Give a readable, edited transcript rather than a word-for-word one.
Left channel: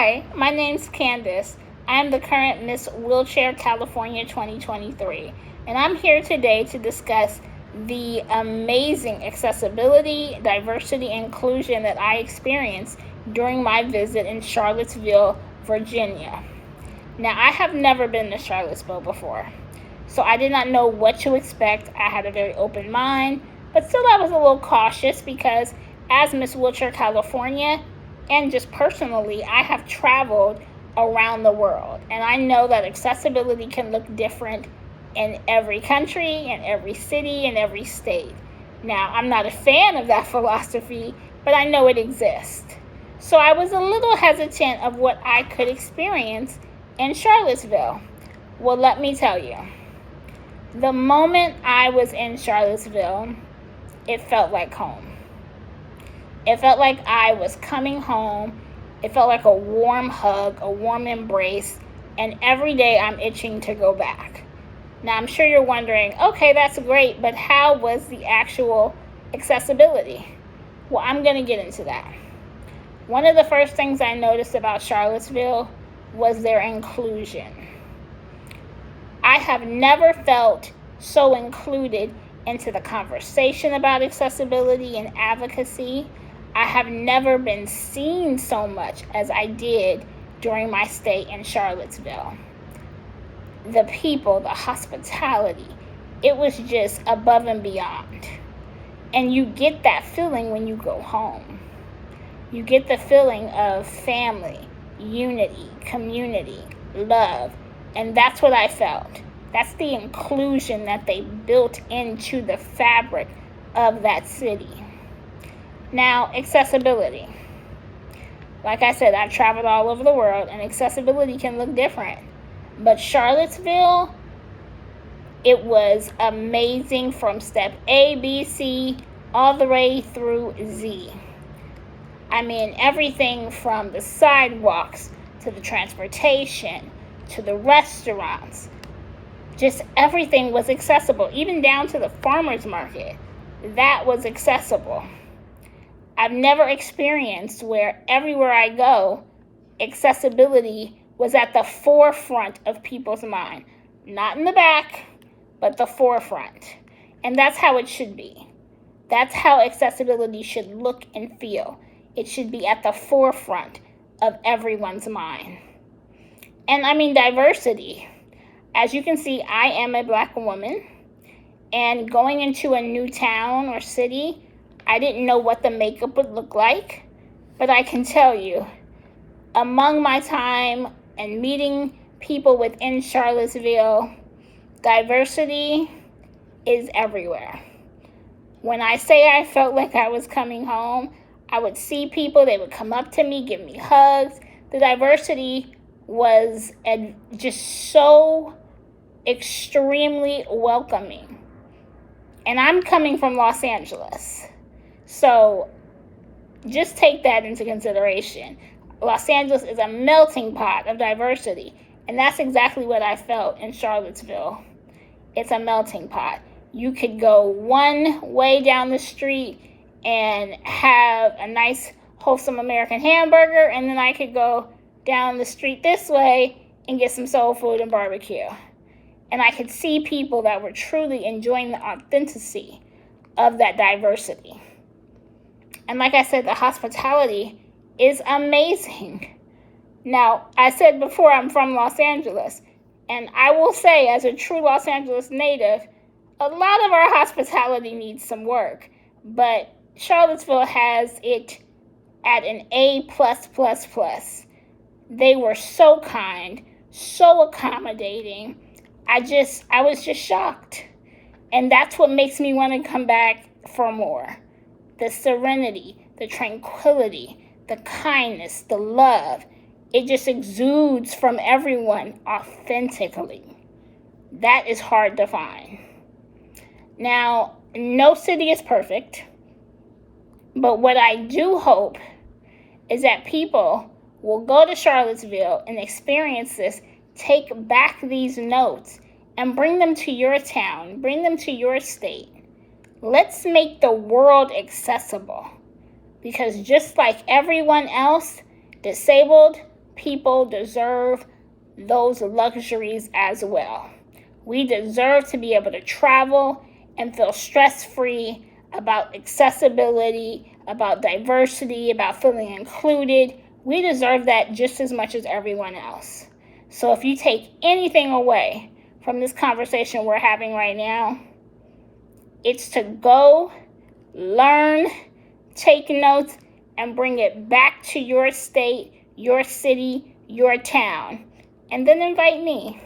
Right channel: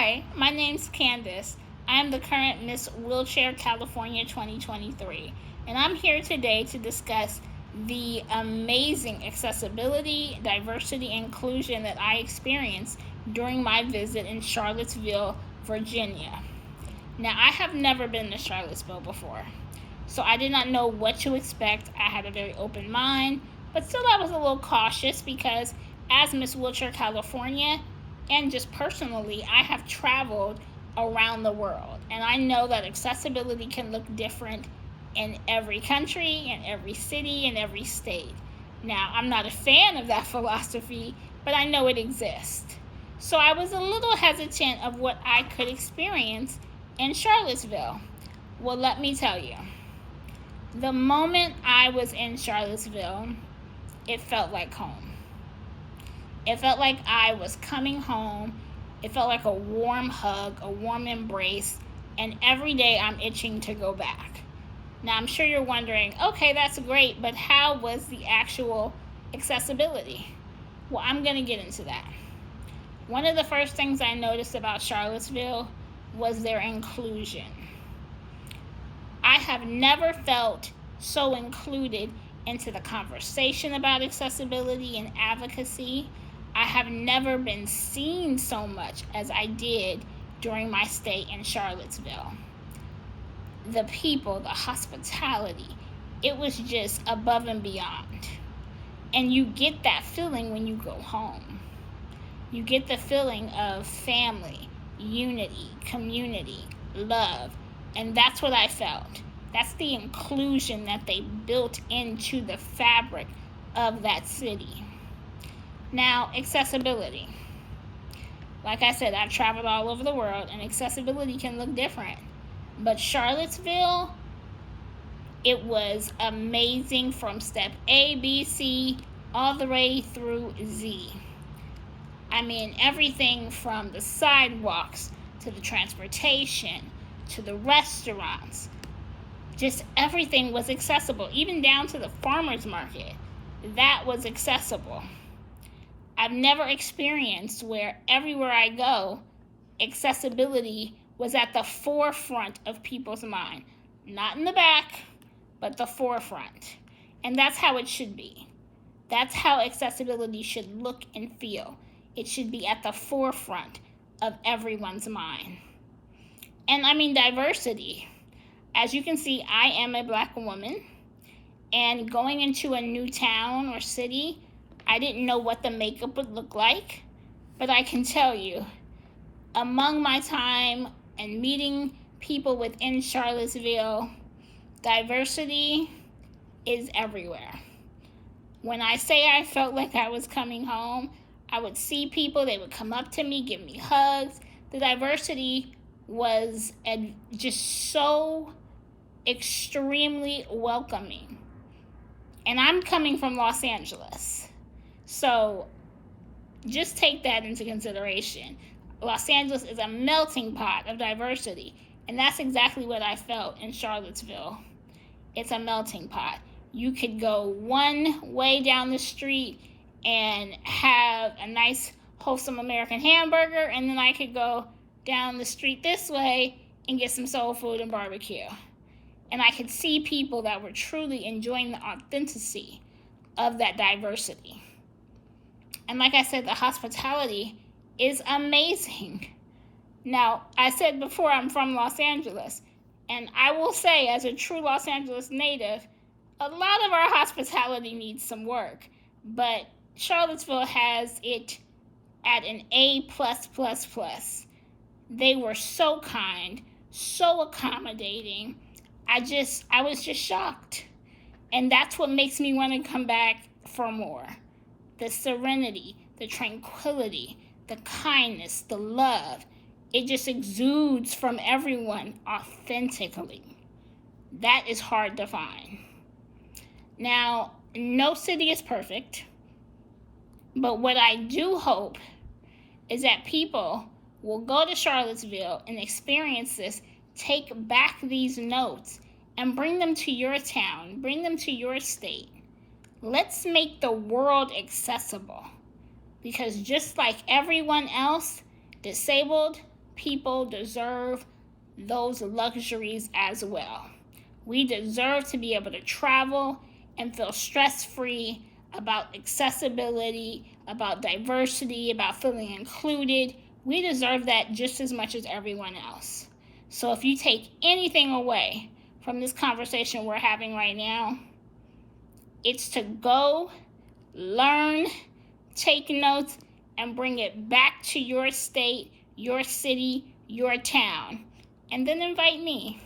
Hi, my name's Candis. I am the current Miss Wheelchair California 2023, and I'm here today to discuss the amazing accessibility, diversity, and inclusion that I experienced during my visit in Charlottesville, Virginia. Now, I have never been to Charlottesville before, so I did not know what to expect. I had a very open mind, but still I was a little cautious because as Miss Wheelchair California, and just personally, I have traveled around the world, and I know that accessibility can look different in every country, in every city, in every state. Now, I'm not a fan of that philosophy, but I know it exists. So I was a little hesitant of what I could experience in Charlottesville. Well, let me tell you, the moment I was in Charlottesville, it felt like home. It felt like I was coming home. It felt like a warm hug, a warm embrace, and every day I'm itching to go back. Now, I'm sure you're wondering, okay, that's great, but how was the actual accessibility? Well, I'm going to get into that. One of the first things I noticed about Charlottesville was their inclusion. I have never felt so included into the conversation about accessibility and advocacy. I have never been seen so much as I did during my stay in Charlottesville. The people, the hospitality, it was just above and beyond. And you get that feeling when you go home. You get the feeling of family, unity, community, love, and that's what I felt. That's the inclusion that they built into the fabric of that city. Now, accessibility. Like I said, I've traveled all over the world, and accessibility can look different. But Charlottesville, it was amazing from step A, B, C, all the way through Z. I mean, everything from the sidewalks to the transportation to the restaurants. Just everything was accessible, even down to the farmer's market. That was accessible. I've never experienced where everywhere I go, accessibility was at the forefront of people's mind. Not in the back, but the forefront. And that's how it should be. That's how accessibility should look and feel. It should be at the forefront of everyone's mind. And I mean diversity. As you can see, I am a Black woman, and going into a new town or city, I didn't know what the makeup would look like, but I can tell you, among my time and meeting people within Charlottesville, diversity is everywhere. When I say I felt like I was coming home, I would see people, they would come up to me, give me hugs. The diversity was just so extremely welcoming. And I'm coming from Los Angeles. So just take that into consideration. Los Angeles is a melting pot of diversity. And that's exactly what I felt in Charlottesville. It's a melting pot. You could go one way down the street and have a nice, wholesome American hamburger, and then I could go down the street this way and get some soul food and barbecue. And I could see people that were truly enjoying the authenticity of that diversity. And like I said, the hospitality is amazing. Now, I said before, I'm from Los Angeles, and I will say, as a true Los Angeles native, a lot of our hospitality needs some work, but Charlottesville has it at an A+++. They were so kind, so accommodating. I was just shocked. And that's what makes me want to come back for more. The serenity, the tranquility, the kindness, the love. It just exudes from everyone authentically. That is hard to find. Now, no city is perfect, but what I do hope is that people will go to Charlottesville and experience this, take back these notes, and bring them to your town, bring them to your state. Let's make the world accessible, because just like everyone else, disabled people deserve those luxuries as well. We deserve to be able to travel and feel stress-free about accessibility, about diversity, about feeling included. We deserve that just as much as everyone else. So if you take anything away from this conversation we're having right now, it's to go, learn, take notes, and bring it back to your state, your city, your town. And then invite me.